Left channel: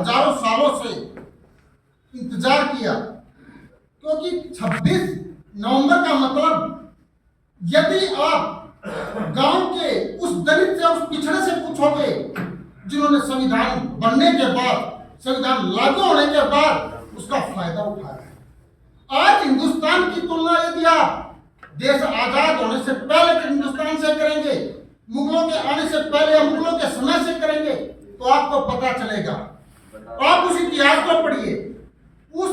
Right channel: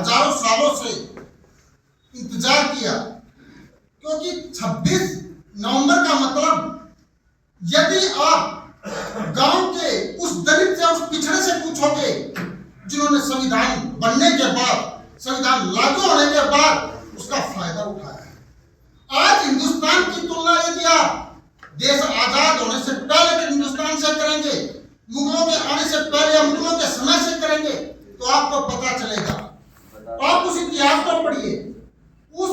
हजारों सालों से इंतजार किया, क्योंकि 26 नवंबर का मतलब, यदि आप गांव के उस दलित से, उस पिछड़े से पूछोगे जिन्होंने संविधान बनने के बाद, संविधान लागू होने के बाद उसका फायदा उठाया है। आज हिंदुस्तान की तुलना यदि आप देश आजाद होने से पहले के हिंदुस्तान से करेंगे, मुगलों के आने से पहले या मुगलों के समय से करेंगे, तो आपको पता चलेगा। आप उस इतिहास को पढ़िए, उस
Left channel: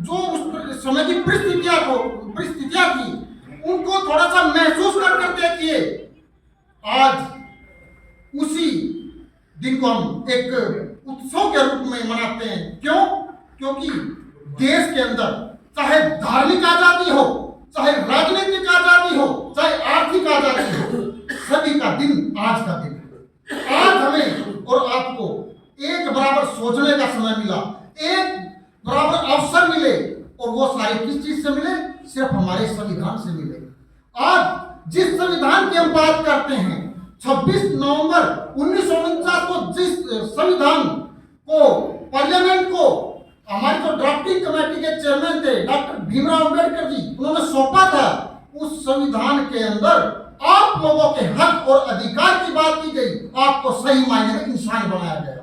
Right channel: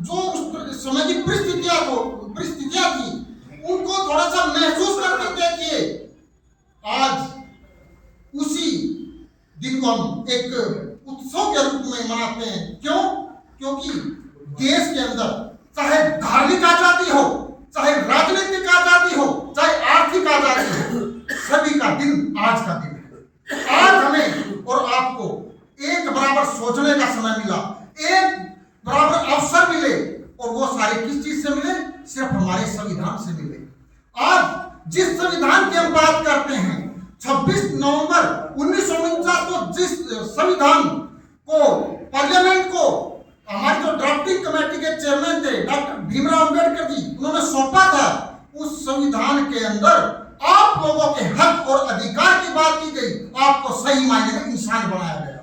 जो उस समय की परिस्थितियां थी उनको थोड़ा सा महसूस कर देखिए। आज उसी दिन को हम एक उत्सव के रूप में मनाते हैं। क्यों? क्योंकि देश के अंदर चाहे धार्मिक आजादी हो, चाहे राजनीतिक आजादी हो, चाहे आर्थिक आजादी हो, सभी का दिन आज का दिन है। आज हमें और आपको एक बराबर सोचने का समय मिला, एक बराबर अवसर मिले, और वो सारे किस चीज से मिले? सिर्फ हमारे संविधान से मिले। आज जिस संविधान की हम बात करते हैं, 26 नवंबर 1949 को जिस संविधान को, पार्लियामेंट को, हमारी जो ड्राफ्टिंग कमेटी के चेयरमैन थे डॉक्टर भीमराव अंबेडकर जी, उन्होंने सौंपा था, उस संविधान के अंदर आप लोगों के हक और अधिकार की बात की गई, आपको सही मायने में इंसान बनाया गया।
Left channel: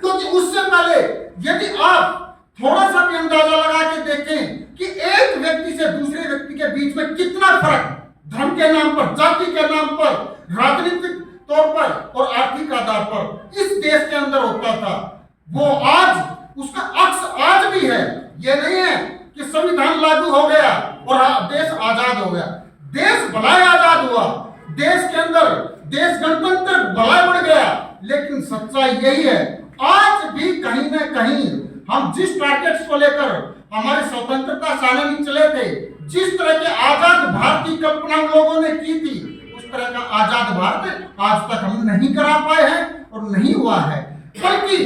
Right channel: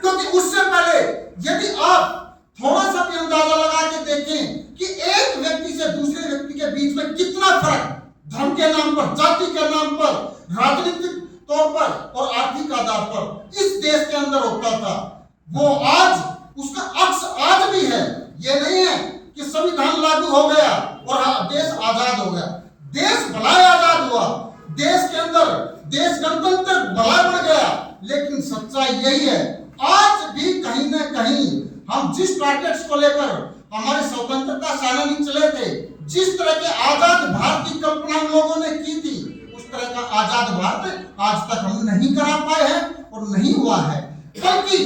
क्योंकि उससे पहले यदि आप थोड़ा सा भी अंदाजा लगा के देखें कि एक व्यक्ति से दूसरे व्यक्ति के बीच में कितना फर्क धर्म के नाम पर, जाति के नाम पर, राजनीतिक तौर पर और आर्थिक आधार पर इस देश के अंदर होता था, वो आज उसका अक्स आज भी है। ये नहीं है कि संविधान लागू हो गया और देश आजाद हो गया। देश भला आजाद हुआ, देश के अंदर देश गणतंत्र भला बढ़ गया, लेकिन सच्चाई यही है, आज भी कहीं ना कहीं हम जिस टारगेट्स को लेकर हमारे स्वतंत्रता सेनानी चले थे, जिस तरह के आजाद भारत की कल्पना लोगों ने की थी, उस तरह का आजाद भारत आज तक हम नहीं करा पाए हैं और नहीं हुआ है। बल्कि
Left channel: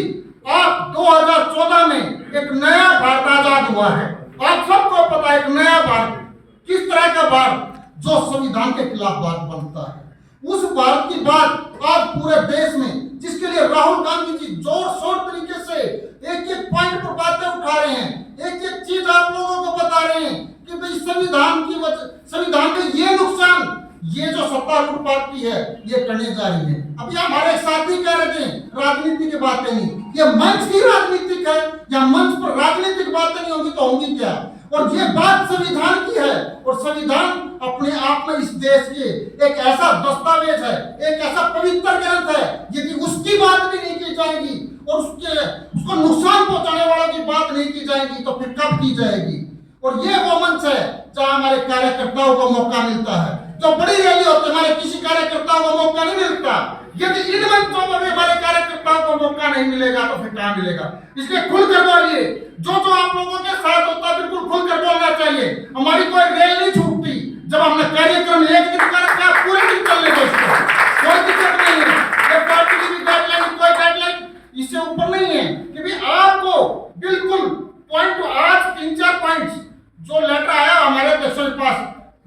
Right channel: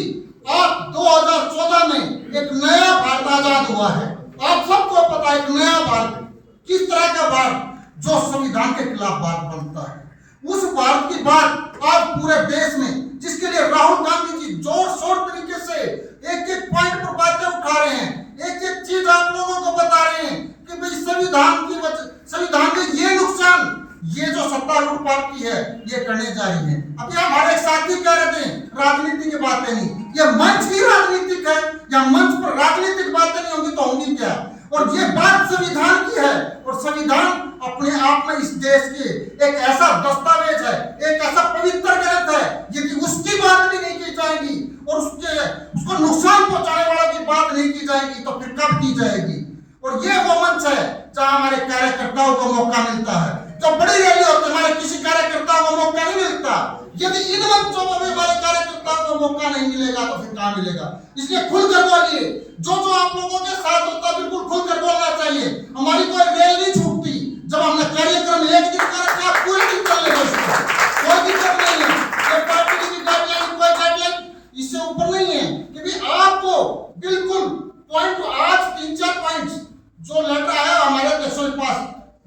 आप 2014 में एक नया भारत आजाद हुआ है। आप सबको पता है, एक नया भारत, किस तरह का भारत? जो संविधान के खिलाफ बात बनता है, उस भारत की बात आज पूरे देश में, जिसके लिए राहुल गांधी जी जोर शोर तरीके से एक एक पॉइंट पर बातें उठा रहे हैं, एक एक चीज आप लोगों को बता रहे हैं कि भाई संविधान की वजह, संविधान के ये नुकसान, ये जो सत्तारूढ़ पार्टी है ये करने जा रही है। अभी हमारे साथी कह रहे थे राजनीति की बातें नहीं, ये मंच ही राजनीतिक है, या मंच पर राजनीतिक बातें नहीं होंगी तो होंगी क्या? और ये बात संविधान की है, और संविधान अपने आप में इस देश के एक ऐसा दस्तावेज है, एक ऐसा पवित्र ग्रंथ है, यदि उसकी बात भी नहीं की जाएगी और उसको नुकसान पहुंचाने वालों की बात नहीं की जाएगी तो फिर कब की जाएगी? और ये वो मंच है जहां हमारे कार्यकर्ताओं को मौका मिलता है। जो बड़ी रैली होती है, हमारे किसी कार्यकर्ताओं को मौका नहीं मिलता। यदि इन मंचों पर भी हमारे कार्यकर्ताओं को मौका नहीं मिलेगा तो फिर कहां मिलेगा? इसलिए खुलकर बोलिए, जो आप लोगों के साथ होता है बिल्कुल खुलकर बोलना चाहिए। हमारी कोई रेल नहीं छूटती, जब हमने कार्यक्रम एक दिन का रखा, पूरे दिन चलने दो, कोई दिक्कत नहीं है। ये पार्टी की भी गाइडलाइन, कोई गाइडलाइन इससे ऊपर नहीं है कि भी आपको बिल्कुल पॉइंट, आज 3-4 पॉइंट्स जो लेटर आया हमारे अध्यक्षों के पास,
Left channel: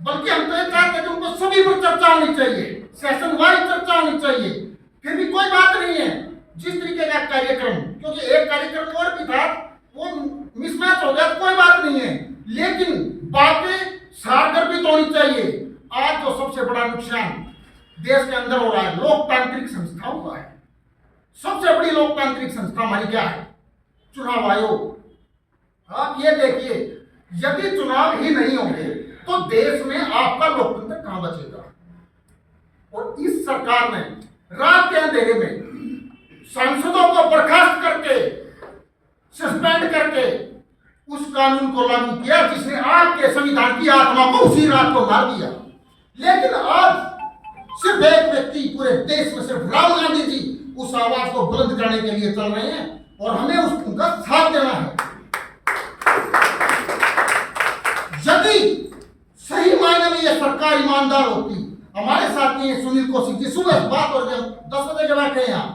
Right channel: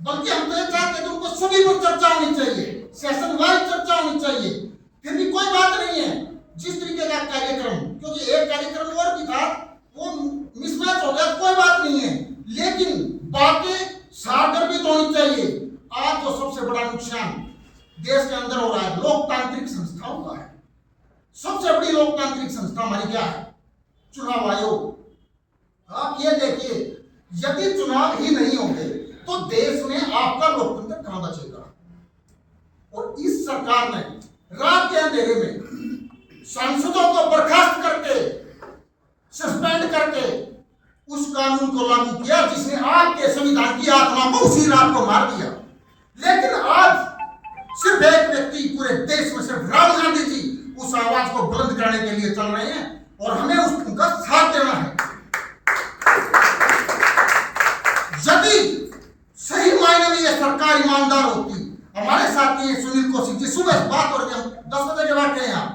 बल्कि हम तो ये चाहते थे उनको सभी पर चर्चा होनी चाहिए, सेशन वाइज चर्चा होनी चाहिए, फिर भी कोई बात नहीं है। जिस तरीके का कार्यक्रम, क्योंकि एक कार्यक्रम और भी था, वो मिसमैच हो गया, कोई बात नहीं है, लेकिन बातें सारगर्भित होनी चाहिए। आज तो सबसे बड़ा नुकसान देश के अंदर हो रहा है लोकतांत्रिक संस्थाओं का है। सबसे बड़ी लोकतांत्रिक संस्था हमारी क्या है? चुनाव आयोग। आप ये देखिए, यदि चुनाव ही नहीं होंगे तो देश में आपका लोकतंत्र कहां बचेगा? और इस सरकार ने रात के अंधेरे में सांसदों को बर्खास्त करके, सस्पेंड करके उस कानून को लागू किया जिसने आपके संविधान की आत्मा को उसी रात को मार दिया। लेकिन आज सिर्फ एक व्यक्ति पूरे देश में, सिर्फ राहुल गांधी जी उस आवाज को बुलंद करने के लिए चल रहे हैं और हमें उनका साथ देना है। यदि सही मायने में यह सरकार ईमानदार होती, हमारे साथी हैं सुनील कौशिक जी, सुबह बात हो रही है, 10 बजे के बैठे हैं यहाँ,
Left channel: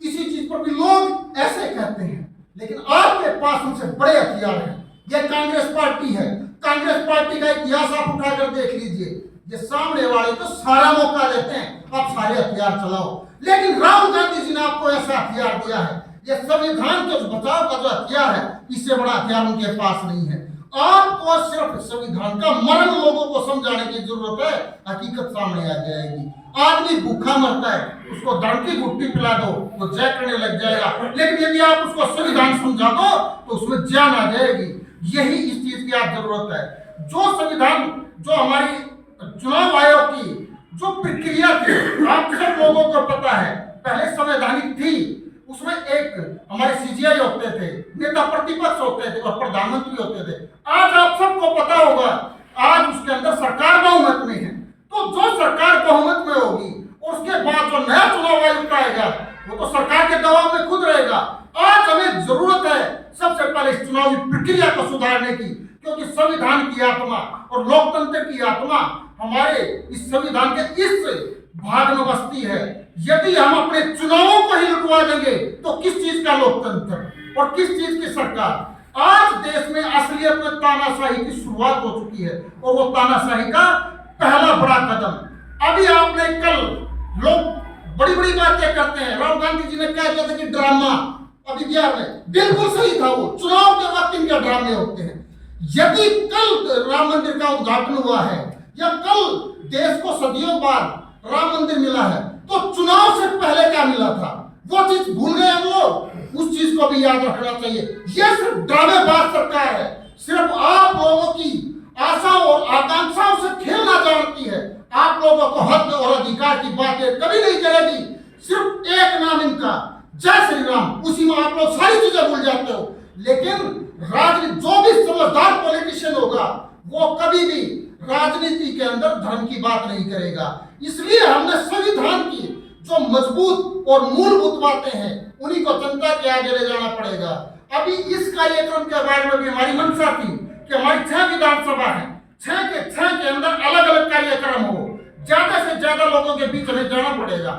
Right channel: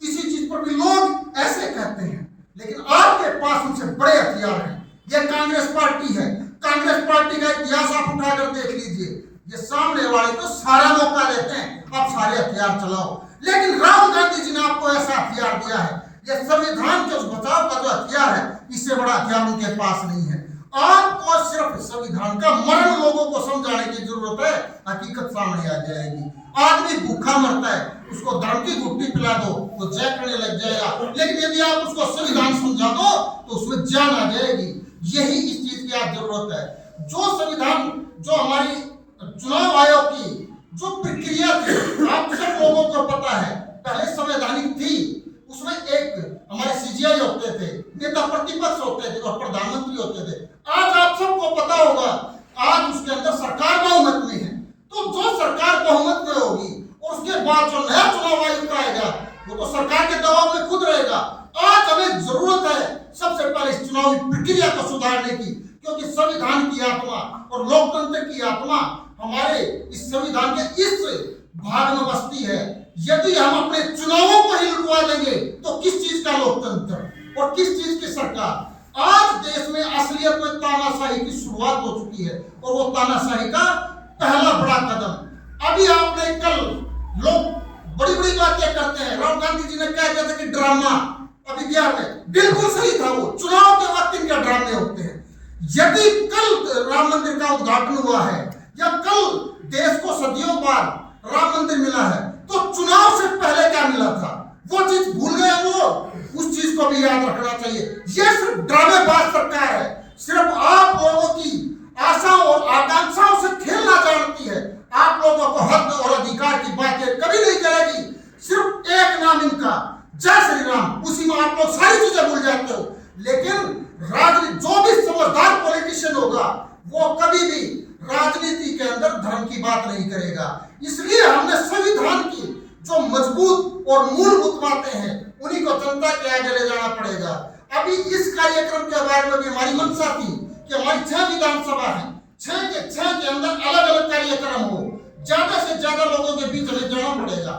इसी चीज पर भी लोग ऐसे कहते हैं, लेकिन आपके पास उनसे बड़े हथियार हैं। यह कांग्रेस पार्टी है, कांग्रेस पार्टी का इतिहास आप उठाकर देख लीजिए, ये सामने वाले को सारा मौका देते हैं, आप सारे हथियार चलाओ, लेकिन राहुल गांधी जी ने आपको ऐसा हथियार दिया है, ये संविधान के उस बचाव का जो हथियार है, इससे बड़ा हथियार उनके पास नहीं है। आपको सिर्फ संविधान का मर्म लोगों को समझाने की जरूरत है, हकीकत सामने आ जाएगी। आदमी भूखा मरता है, उसको धर्म की घुट्टी पिला दो, वो जय करने लग जाएगा, लेकिन यदि आप उसको संविधान समझा दो तो उसमें जान आ जाएगी। यही इस चीज की आप जरूरत है। जो संविधान, जो हमारी चुनाव आयोग की जो प्रक्रिया थी, आप सब लोगों को पता है, पहले संवैधानिक थी, उसमें एक हमारे सीजीआई होते थे, नेता प्रतिपक्ष होते थे और प्रधानमंत्री होते थे। आज आप सबको पता होगा, आज उसके अंदर सरकार बहुमत में है। तो जो सरकार बहुमत में होगी और उसके बाद जो नया चुनाव आयुक्त आएगा, वो तो सरकार के दबाव में खुद रहेगा। आज हमें जरूरत है सबसे पहले इस चुनावी प्रक्रिया को सुधारने की, क्योंकि संविधान की आत्मा और लोकतंत्र की आत्मा हमारे इस संविधान के इस भाग में बसती है। यदि हम अपने चुनावों को ही लुटवा देंगे तो किस चीज का लोकतंत्र और किस चीज की सरकार। आज देश में असलियत में तानाशाही की शुरुआत हो चुकी है और वो तानाशाही का पहला बड़ा कदम अभी आपने कल, लोग बड़ी बड़ी बातें करते हैं, राहुल गांधी जी ने कह दिया था कि ड्रामा अभी 11 में, बिल्कुल सही था, वो चुनाव के वक्त इनके ड्रामे होते हैं। यदि कल राम मंदिर का उद्घाटन हुआ है या कल देश को सदियों बाद राम मंदिर मिला है, तो चुनाव से पहले क्या मिला था, वो चीज भूल गए हम लोग। उस चीज को भी याद रखना चाहिए। ये सिर्फ ड्रामेबाज सरकार है, सिर्फ आप लोगों की आशा और आकांक्षाओं से खेलना जानती है। आप लोगों को हक और अधिकार की बातें कभी नहीं करेगी। सिर्फ एक नाम इनका, जय श्री राम, उसी में आप लोग सारी चीजें भूल जाते हो। लेकिन राजनीति, जो भी समझदार पॉलिटिशियन होगा, वो कभी भी राजनीति के अंदर धर्म की बात नहीं करेगा। इसलिए हमने संविधान की जो मजबूत और मूलभूत बातें हैं, उन्हीं को जनता के आगे ले जाना पड़ेगा। अभी इस कार्यक्रम के बारे में भी हमारी मंशा थी कि हमारी 6 विधानसभा है, 6 के अंदर अलग अलग कार्यक्रम हो, ज्यादा से ज्यादा लोगों के बीच हमें जाना पड़ेगा।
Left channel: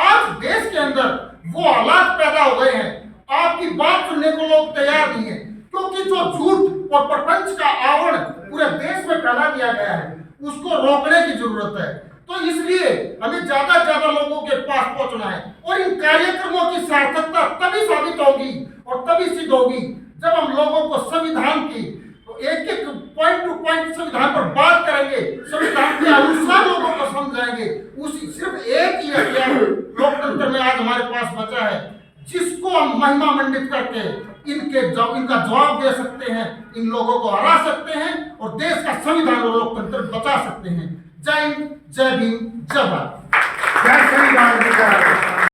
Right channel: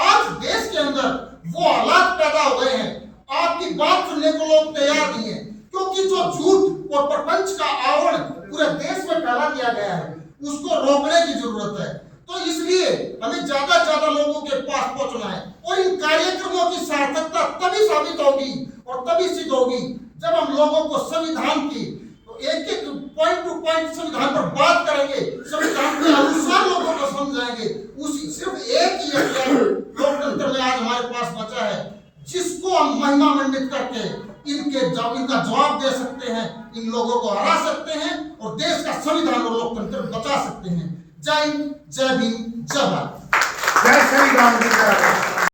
आज देश के अंदर वो हालात पैदा हो गए हैं, आपकी बात सुनने को लोग तैयार नहीं है, क्योंकि जो झूठ और प्रपंच का आवरण पूरे देश में फैला दिया गया है, उसको रोकने की जरूरत है। तो इसलिए हमें ज्यादा से ज्यादा लोगों के पास पहुंचना है और इन कार्यक्रमों की सार्थकता तभी साबित होगी और तभी सिद्ध होगी जब हम लोगों को संविधान की एक एक पॉइंट टू पॉइंट संविधान पर बात करेंगे, संविधान के अनुसार लोगों को समझाएंगे। उसी सिर्फ एक ही हथियार लोकतंत्र में आज हमारे पास बचा है, जिसको हम महिमा मंडित करके इनका जवाब दे सकते हैं, इन लोगों को हरा सकते हैं और देश का संविधान और लोकतंत्र बचा सकते हैं। जय हिंद, जय भीम, जय भारत। जय श्री राम।